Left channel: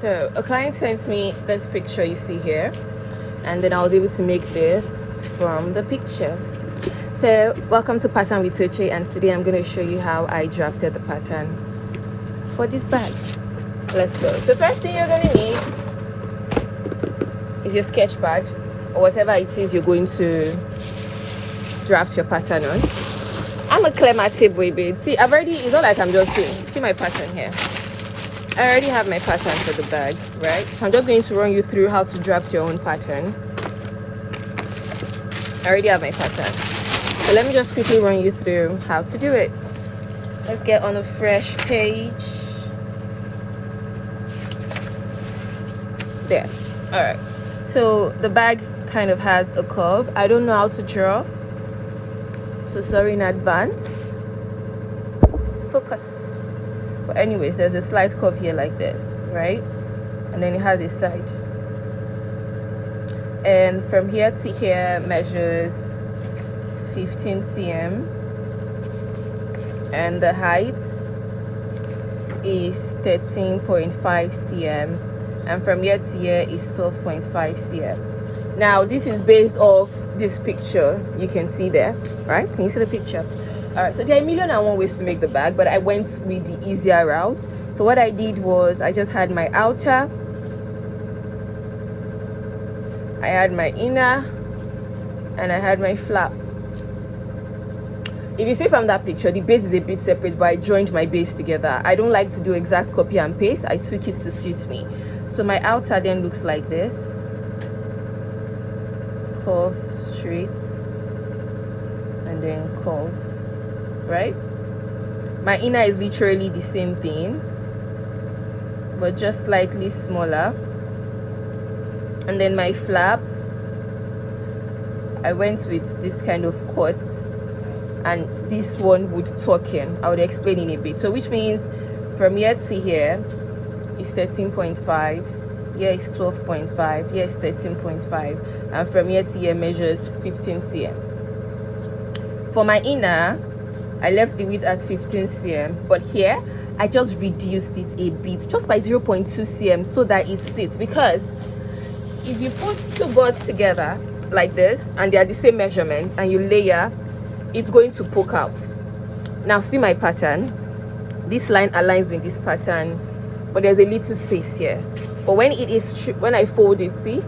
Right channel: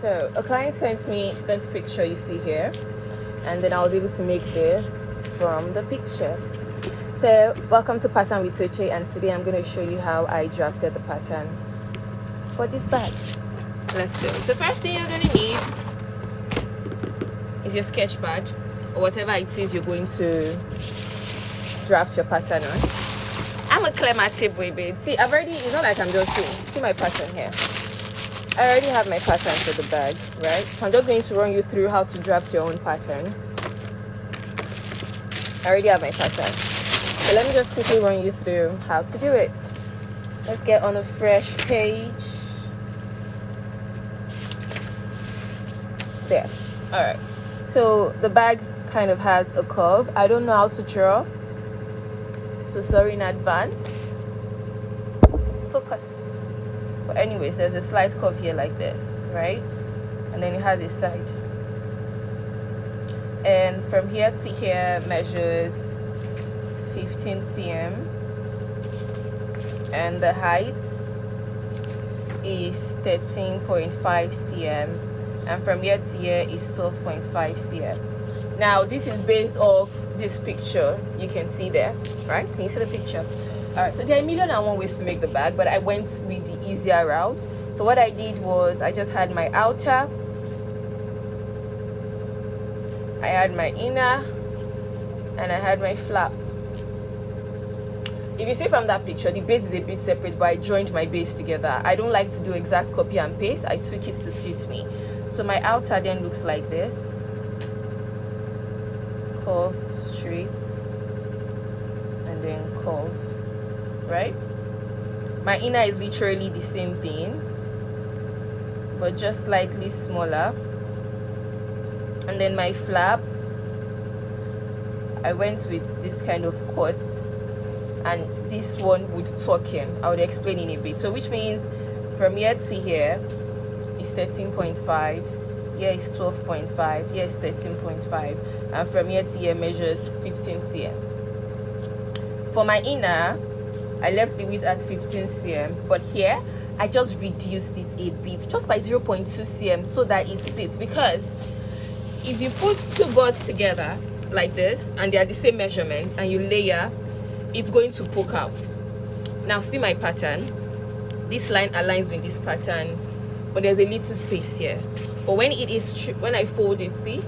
So a client sent me this picture you see here, and then I was able to make this from the picture. So welcome to Pattern with Toche, and today I'm going to show you how I drafted the pattern for this bag. Let's go. So first thing you're going to need is your sketch pad or whatever it is you're going to draft your pattern on. I'm a clear my tape, baby. See, I've already, it's not like I'm just saying, see my pattern here. I already have my pattern for the bag, right? So I'm just going to run you through how to draft your own pattern. I already have my pattern. So let me just quickly run you through how to do it. Let's get on a fresh page. There. All right. So the bag kind of has a curve. I don't know how to draw, so sorry in advance. Focus. But anyways, there's a slight curve here like this, right? And then it has a side. And from here to here measures 15 cm. And the height is 13.5 cm. And from here to here is 12.5 cm. Now this is based off this picture you can see there, right? Can you see the picture? All right, so there are 1,001 ways to make the bag, but I went with the easier route. So what I did was I just had my outer, I had my inner, and I had my flap. If you see from that picture, the base is a bit separate, but I joined my base together. I don't like to do exact copy and paste. I tweak it to suit me. So my outer then looks like this. 4 straight and then 4, right? My inner is literally the same thing, but just slightly smaller. And then my flap, I went with this kind of cut, and this one would tuck in. I would explain in a bit. So which means from here to here is 13.5, here is 12.5, here is 13.5, and from here to here measures 15 cm. For my inner, I left the width at 15 cm, but here I just reduced it a bit, just by 0.2 cm, so that it sits. Because if you put two boards together like this and they are the same measurements and you layer, it's going to poke out. Now see my pattern. This line aligns with this pattern, but there's a little space here. But when it is when I fold it, see,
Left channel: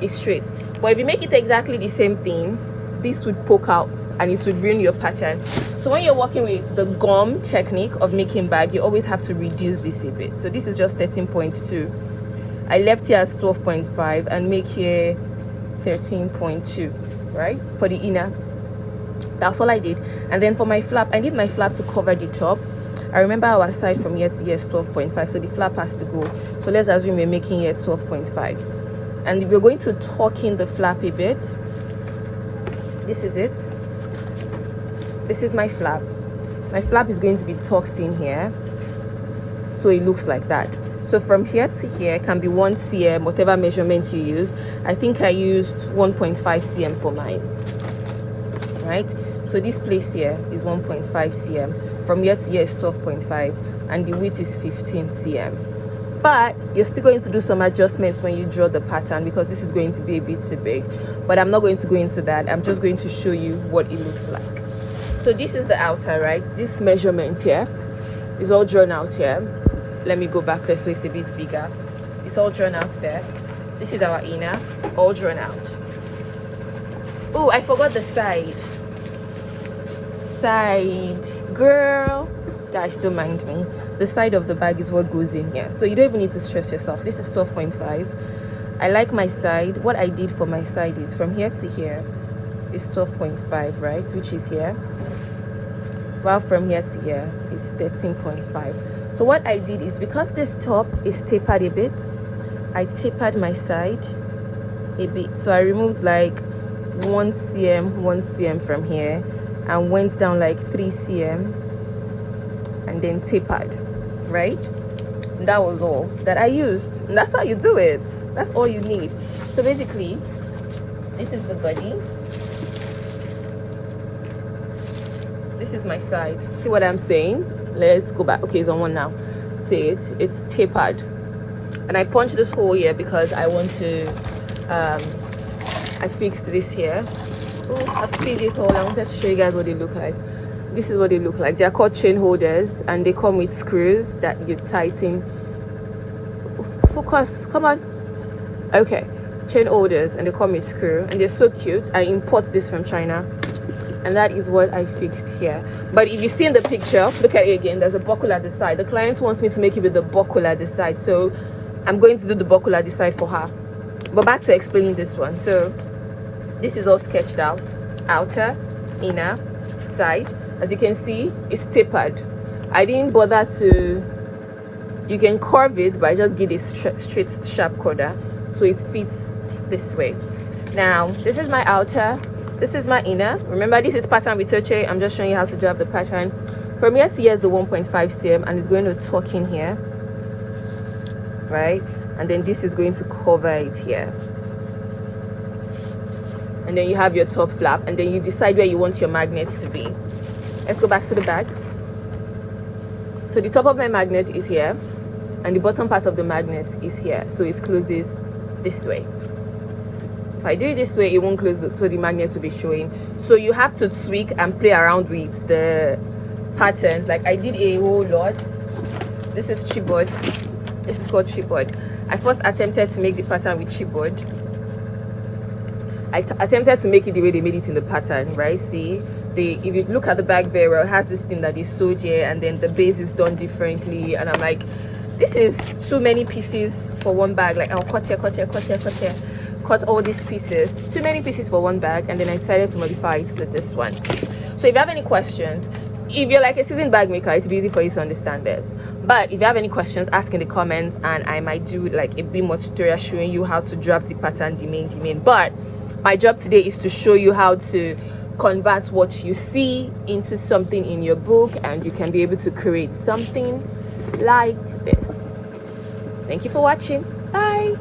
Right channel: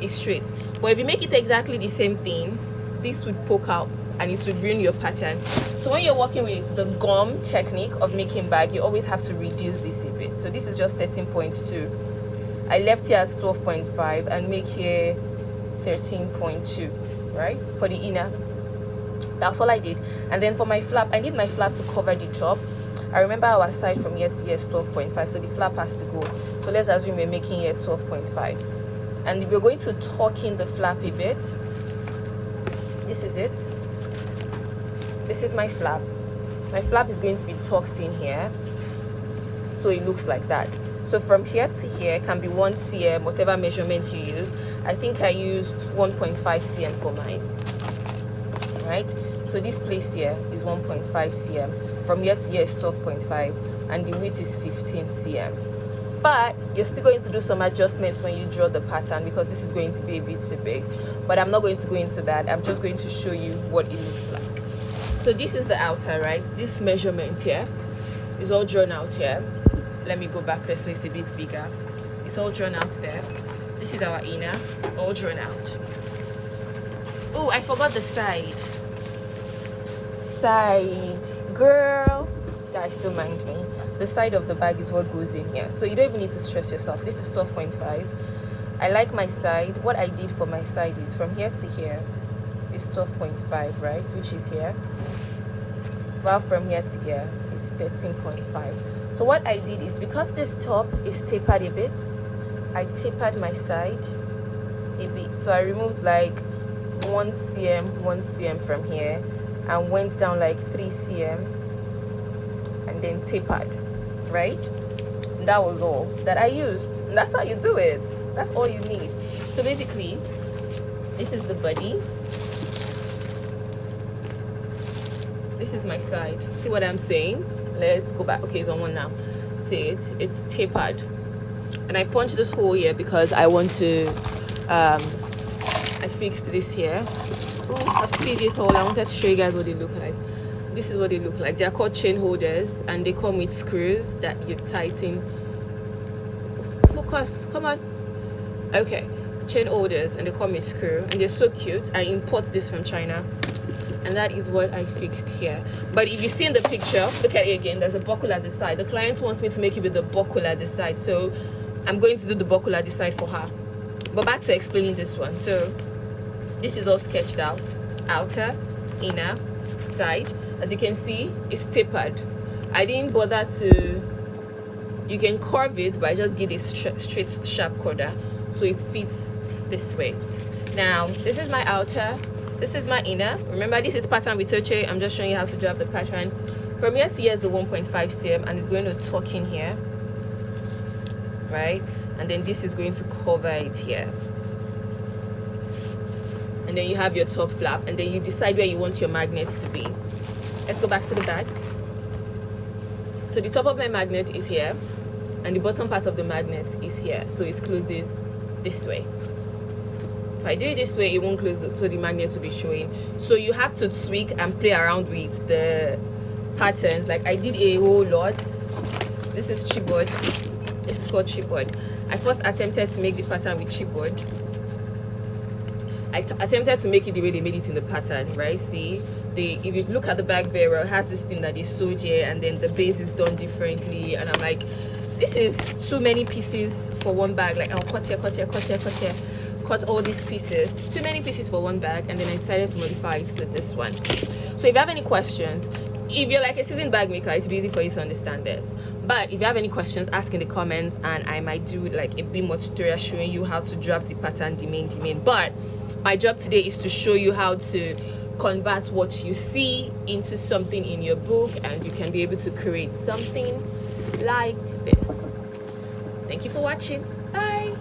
it's straight. But if you make it exactly the same thing, this would poke out and it would ruin your pattern. So when you're working with the gum technique of making bag, you always have to reduce this a bit. So this is just 13.2. I left here as 12.5 and make here 13.2, right? For the inner. That's all I did. And then for my flap, I need my flap to cover the top. I remember our side from here to here is 12.5, so the flap has to go. So let's assume we're making here 12.5. And we're going to tuck in the flap a bit. This is it. This is my flap. My flap is going to be tucked in here, so it looks like that. So from here to here can be 1 cm, whatever measurement you use. I think I used 1.5 cm for mine, right? So this place here is 1.5 cm. From here to here is 12.5, and the width is 15 cm. But you're still going to do some adjustments when you draw the pattern, because this is going to be a bit too big. But I'm not going to go into that. I'm just going to show you what it looks like. So this is the outer, right? This measurement here is all drawn out here. Let me go back there so it's a bit bigger. It's all drawn out there. This is our inner, all drawn out. Oh, I forgot the side. Girl, guys, don't mind me. The side of the bag is what goes in here, so you don't even need to stress yourself. This is 12.5. I like my side. What I did for my side is from here to here is 12.5, right, which is here, while from here to here is 13.5. So what I did is, because this top is tapered a bit, I tapered my side a bit. So I removed like 1 cm from here and went down like 3 cm and then tapered, right? And that was all that I used. And that's how you do it. That's all you need. So basically, this is the body. This is my side. See what I'm saying? Let's go back. Okay, it's on one now. See it? It's tapered. and I punched this hole here because I want to I fixed this here. Oh, I've speed it all. I wanted to show you guys what they look like. This is what they look like. They are called chain holders, and they come with screws that you tighten. Focus, come on. Okay, chain holders, and they come with screw, and they're so cute. I import this from China, and that is what I fixed here. But if you see in the picture, look at it again, there's a buckle at the side. The client wants me to make it with the buckle at the side, so I'm going to do the buckle at the side for her. But back to explaining this one. So this is all sketched out, outer, inner, side. As you can see, it's tapered. I didn't bother to, you can curve it, but I just give a straight sharp corner so it fits this way. Now this is my outer, this is my inner. Remember, this is pattern with Toche. I'm just showing you how to drop the pattern. From here to here is the 1.5 cm, and it's going to tuck in here, right? And then this is going to cover it here. And then you have your top flap, and then you decide where you want your magnets to be. Let's go back to the bag. So the top of my magnet is here, and the bottom part of the magnet is here, so it closes this way. If I do it this way, it won't close, so the magnet will be showing. So you have to tweak and play around with the patterns. Like I did a whole lot. This is chipboard. This is called chipboard. I first attempted to make the pattern with chipboard. I attempted to make it the way they made it in the pattern, right? See, if you look at the back very well, it has this thing that is sewed here, and then the base is done differently, and I'm like, this is too many pieces for one bag. Like I'll cut here, cut here, cut here, cut here, cut all these pieces, too many pieces for one bag. And then I decided to modify it to this one. So if you have any questions, if you're like a seasoned bag maker, it's easy for you to understand this. But if you have any questions, ask in the comments, and I might do like a bit more tutorial showing you how to draft the pattern, the main. But my job today is to show you how to convert what you see into something in your book, and you can be able to create something like this. Thank you for watching. Bye.